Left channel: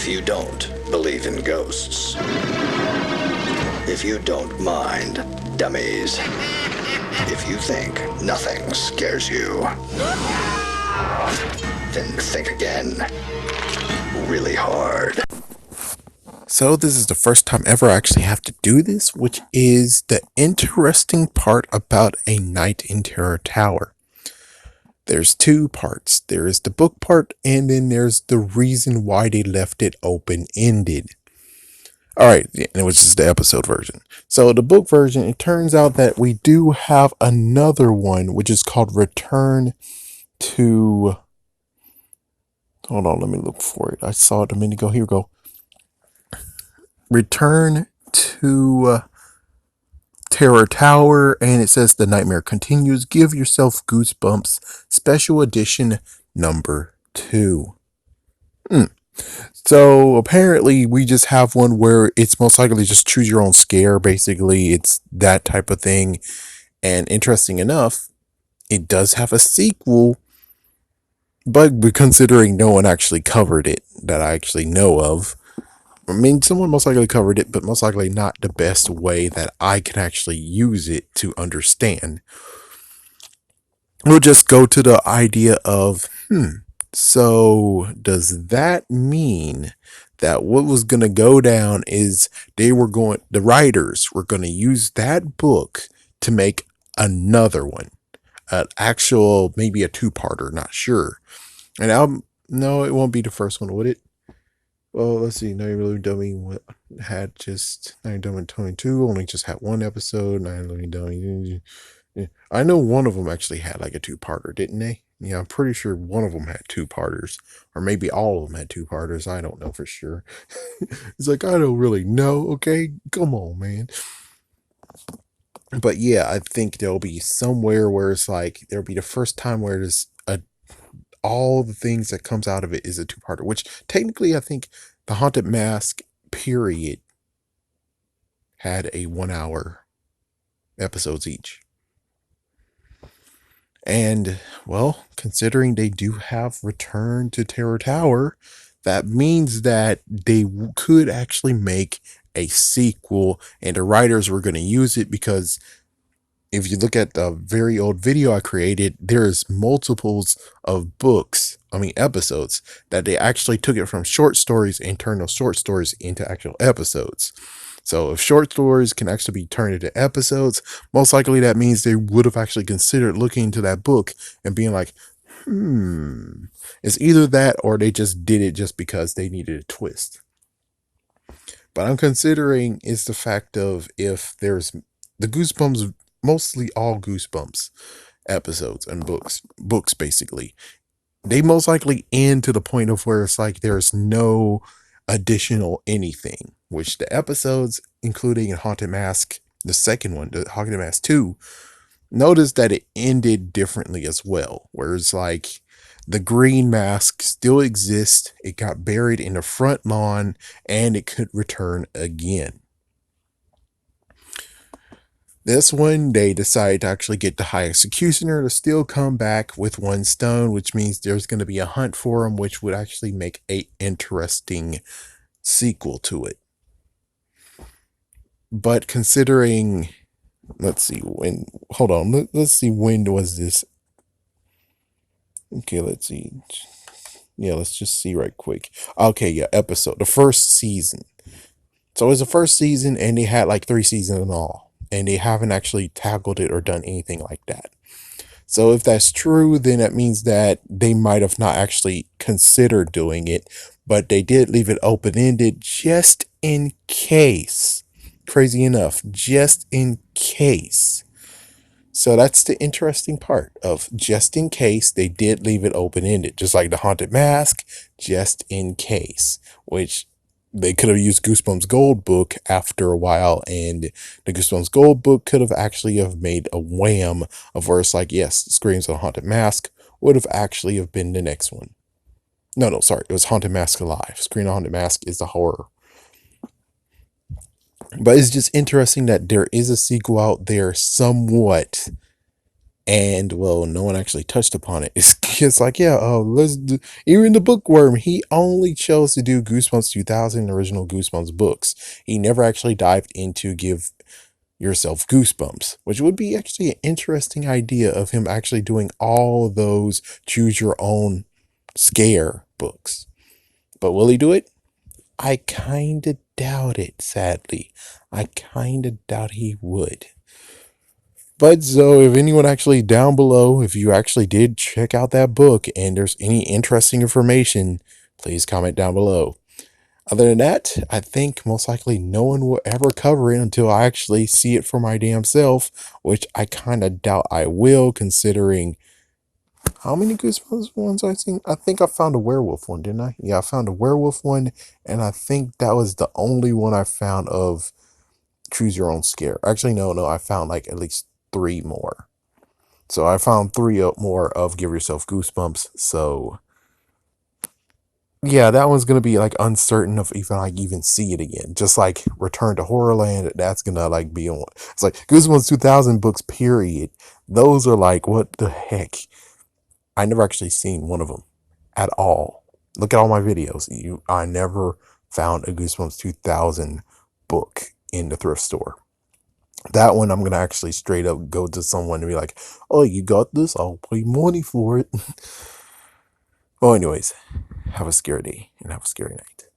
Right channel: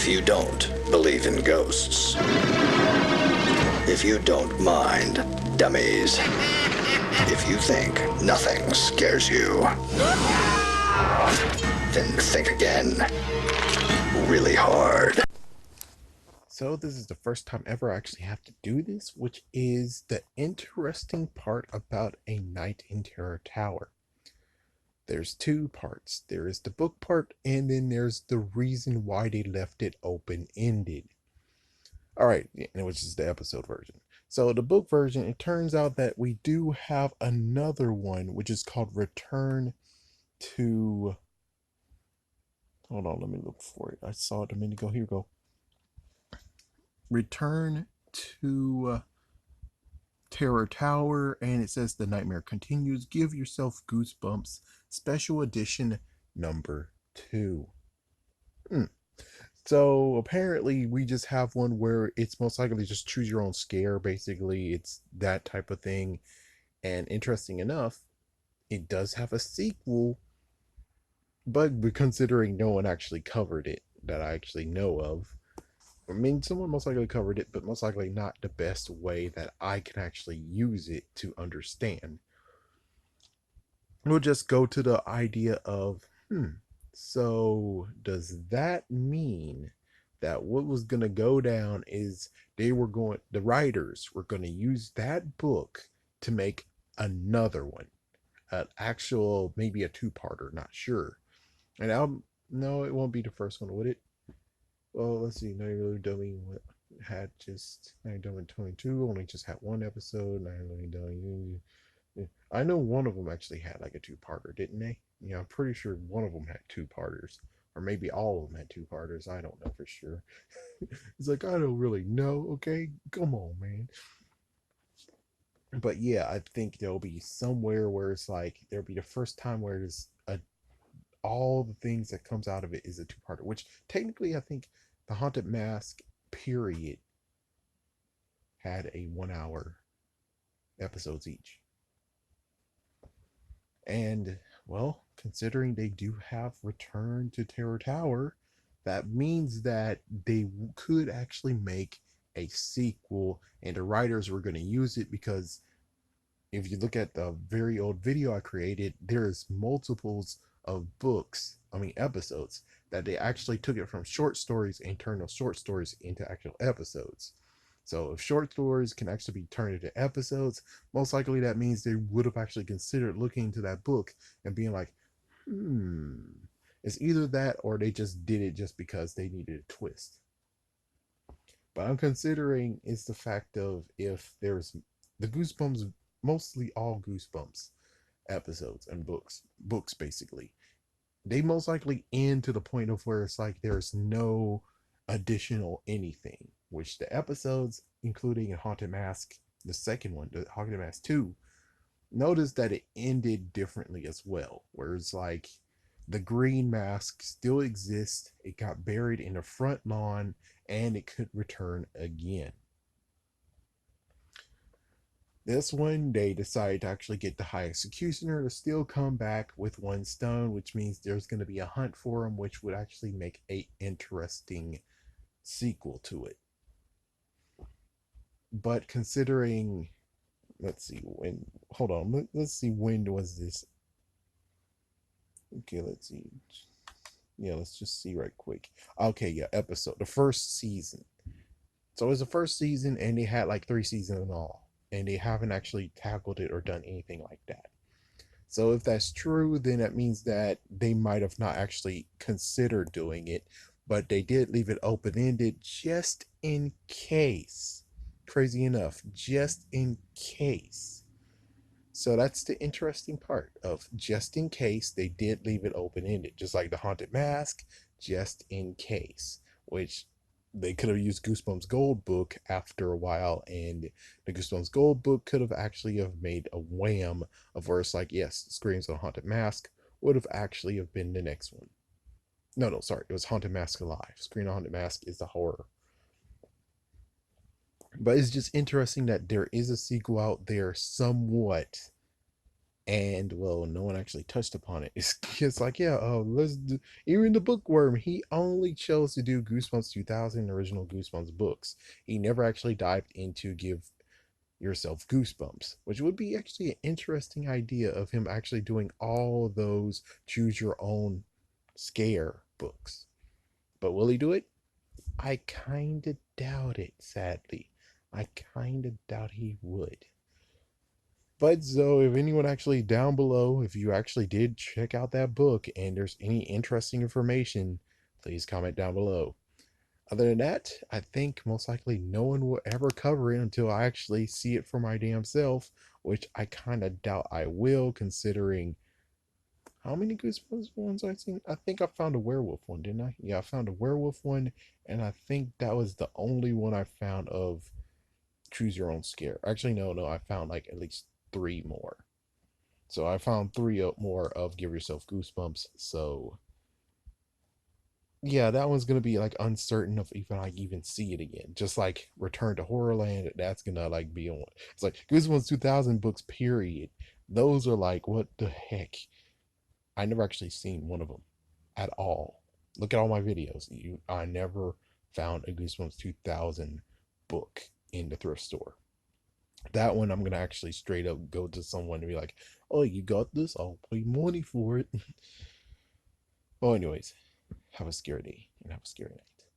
If you don't believe in ghosts, if you don't mind dummies, if you think nothing scares you, then think again. Really hard. So this is the first time ever I actually have to do this, which is the interesting part about A Night in Terror Tower. There's two parts. There is the book part, and then there's the reason why they left it open-ended. Alright, which is the episode version. So the book version, it turns out that we do have another one, which is called Return to... Hold on, let me look for it. I saw it a minute ago. Here we go. Return to Terror Tower, and it says the nightmare continues. Give yourself goosebumps. Special edition number 2. So apparently we just have one where it's most likely just choose your own scare. Basically, it's that type of thing. And interesting enough, it does have a sequel, but considering no one actually covered it that I actually know of, I mean, someone most likely covered it, but most likely not the best way that I can actually use it to understand. We'll just go to the idea of, so does that mean that what was going to go down is the writers were going to use that book to make another one, an actual, maybe a two-parter, not sure. And no, it won't be the first one, would it? Well, let's see. Night Living Dummy had just Night Dummy 22 only just had one episode. Night Living Dummy. I know one of them actually had like a two-parter, didn't they? Yeah, I'm pretty sure one of them had two-parters, or maybe all of them had two-parters. I don't know for sure. It's like, I don't really know. Okay, come on, man. But yeah, I think there'll be somewhere where it's like there'll be the first time where there's all the things that comes out of it is a two-parter, which technically I think the Haunted Mask period had a 1 hour episodes each. And well, considering they do have Return to Terror Tower, that means that they could actually make a sequel, and the writers were going to use it because if you look at the very old video I created, there's multiples of episodes that they actually took it from short stories and turned those short stories into actual episodes. So if short stories can actually be turned into episodes, most likely that means they would have actually considered looking into that book and being like, it's either that or they just did it just because they needed a twist. But I'm considering is the fact of if there's the Goosebumps, mostly all Goosebumps episodes and books basically, they most likely end to the point of where it's like there's no additional anything, which the episodes, including Haunted Mask, the second one, the Haunted Mask 2, notice that it ended differently as well. Whereas like the green mask still exists, it got buried in the front lawn, and it could return again. This one, they decided to actually get the High Executioner to still come back with one stone, which means there's going to be a hunt for him, which would actually make a interesting sequel to it. But considering, let's see, let's see, when was this? Okay, let's see. Yeah, let's just see right quick. Okay, yeah, the first season. So it was the first season, and they had like 3 seasons in all, and they haven't actually tackled it or done anything like that. So if that's true, then that means that they might have not actually considered doing it, but they did leave it open-ended just in case. Crazy enough, just in case. So that's the interesting part of just in case they did leave it open-ended, just like the Haunted Mask, just in case, which they could have used Goosebumps Gold book after a while, and the Goosebumps Gold book could have actually have made a wham of where it's like, yes, Screams of the Haunted Mask would have actually have been the next one. No, sorry, it was Haunted Mask Alive. Scream of the Haunted Mask is the horror. But it's just interesting that there is a sequel out there somewhat, And well, no one actually touched upon it. It's just like, yeah, even the bookworm, he only chose to do Goosebumps 2000 original Goosebumps books. He never actually dived into give yourself goosebumps, which would be actually an interesting idea of him actually doing all those choose your own scare books. But will he do it? I kind of doubt it, sadly. I kind of doubt he would. But so, if anyone actually down below, if you actually did check out that book and there's any interesting information, please comment down below. Other than that, I think most likely no one will ever cover it until I actually see it for my damn self, which I kind of doubt I will, considering how many Goosebumps ones I've seen. I think I found a werewolf one, didn't I? Yeah, I found a werewolf one, and I think that was the only one I found of Choose Your Own Scare. Actually, no, I found like at least 3 more. So I found 3 more of Give Yourself Goosebumps. So yeah, that one's gonna be like uncertain of if I even see it again. Just like Return to Horrorland, that's gonna like be on. It's like Goosebumps 2000 books. Period. Those are like, what the heck? I never actually seen one of them at all. Look at all my videos. I never found a Goosebumps 2000 book in the thrift store. That one I'm gonna actually straight up go to someone and be like, "Oh, you got this? I'll pay money for it." Well, anyways, have a scary day and have a scary night.